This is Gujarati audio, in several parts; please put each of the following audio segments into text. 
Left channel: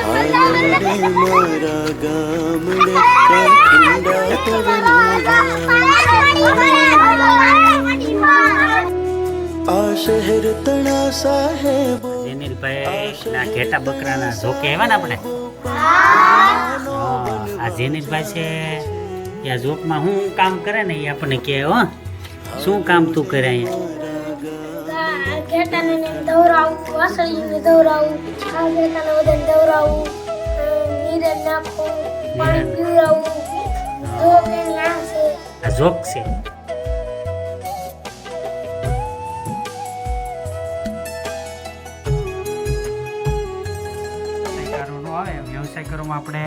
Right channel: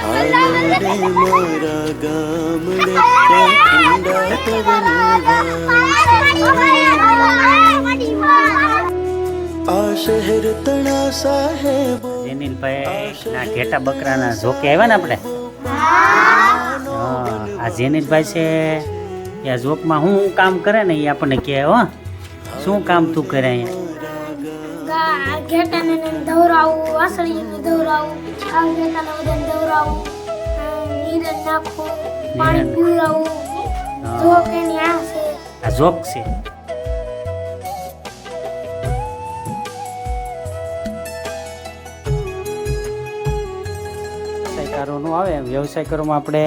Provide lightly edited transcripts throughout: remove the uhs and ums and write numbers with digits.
હાલો રે મારા ગામડે ત્યાં ઠંડા પવનો આ શહેર તણા સાહેબો જેનિલભાઈ ના ઘેટા બકરાના ઝોકે આવ્યા ને આપણે આ જેનિલભાઈ છે એ આ ઝોકમાં શું કામ કરે ને એ આપણને કહે હો શું કામ તું કરે અહીંયા ઘેટાને દવરાવું વાસળીને દવરાવું આ ઘેટાને બધાને દવરાવું નીરે નાખવું પાણી પીવડાવું જોક એની આ છે આ ઝોક છે આવે વ્યવસાય કરવામાં આપણે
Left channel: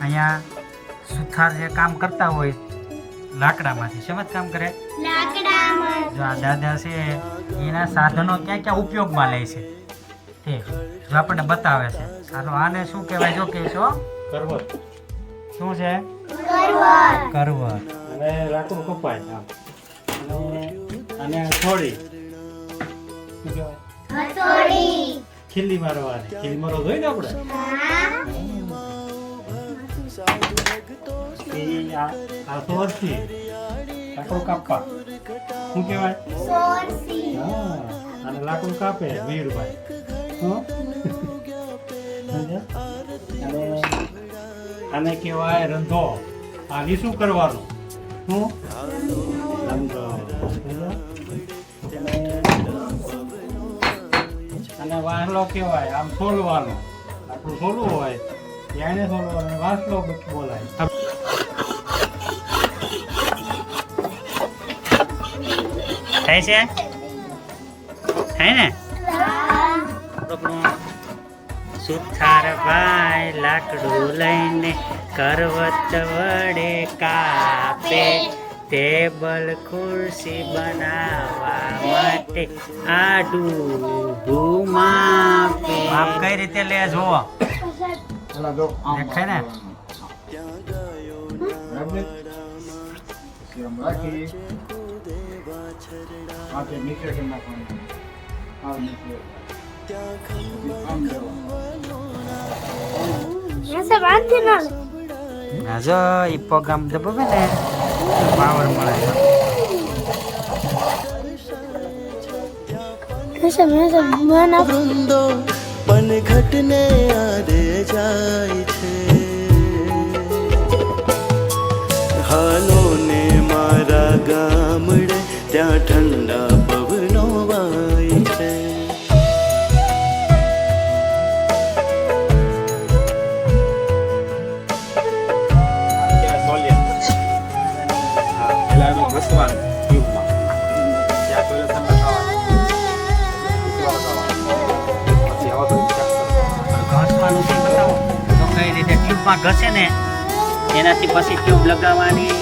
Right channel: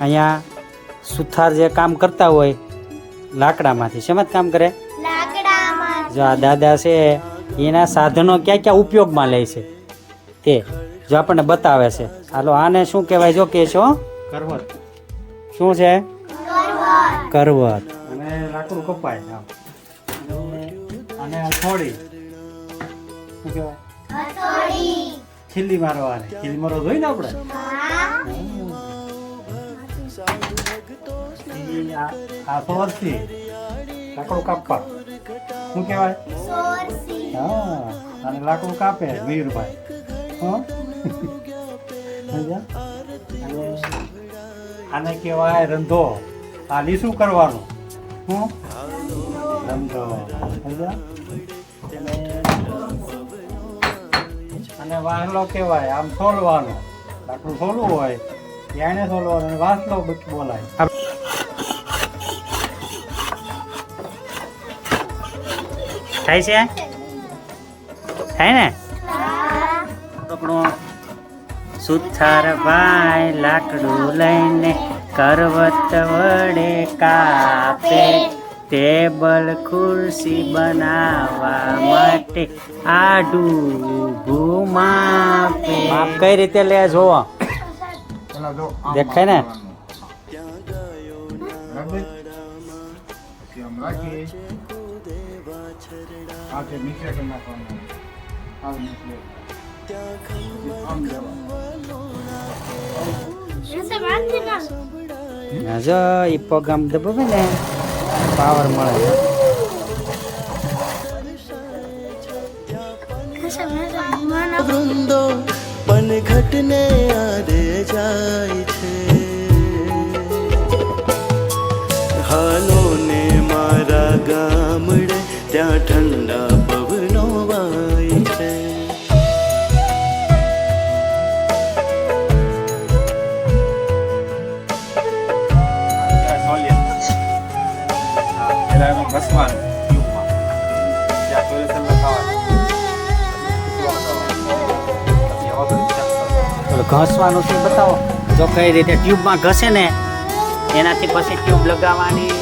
અહીંયા સુથાર જે કામ કરતા હોય લાકડામાંથી શેમાં કામ કરે જે આ દાદા છે એના સાધનો ક્યાં ક્યાં ઉપયોગમાં લે છે તે જો આપણને બતાવે છે હાલો આને શું કહેવાય જો કે છો શું છે કરવત અને લાકડું કપાય અને થોડી ખીલી મારવાની ખીલી મારો જોઈ ને આપણે આ સોરસી લાકડું કાપવા શું કહેવાય હા અને લાકડું કાપે વીરભાઈ આને કહેવાય રંધો આની શું કરવાનું શું અને વાહલો કહેવાય આમ છોલવાનો લાકડું છોલવું હોય ત્યાં છોલવાનું વાંસલો બોલાય થાય છે થાય ને આપણો સુથાર ભાઈ લાકડું લઈને કરવત વડે કાપે ટેબલ ખુરશી બનાવવા માટે આડું ઘુમાપે આપ કઈ રીતે લે જોવો દેખાય ને જો એ પ્રોગ્રામ દબાવે ને પાવર મળે વૃંદો પનઘટને આરે જાય છે હાલો ને મારા ગામડે ત્યાં ઠંડા પવનો વાય છે ઘસવાનું શું બતાવો જો કઈ રીતે ટ્યુબમાં ઘસે ને એનાથી પછી ટ્યુબ લગાવવાની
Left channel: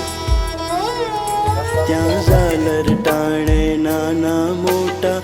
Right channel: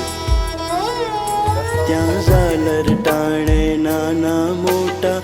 ત્યાં ઝાલર ટાણે નાના મોટા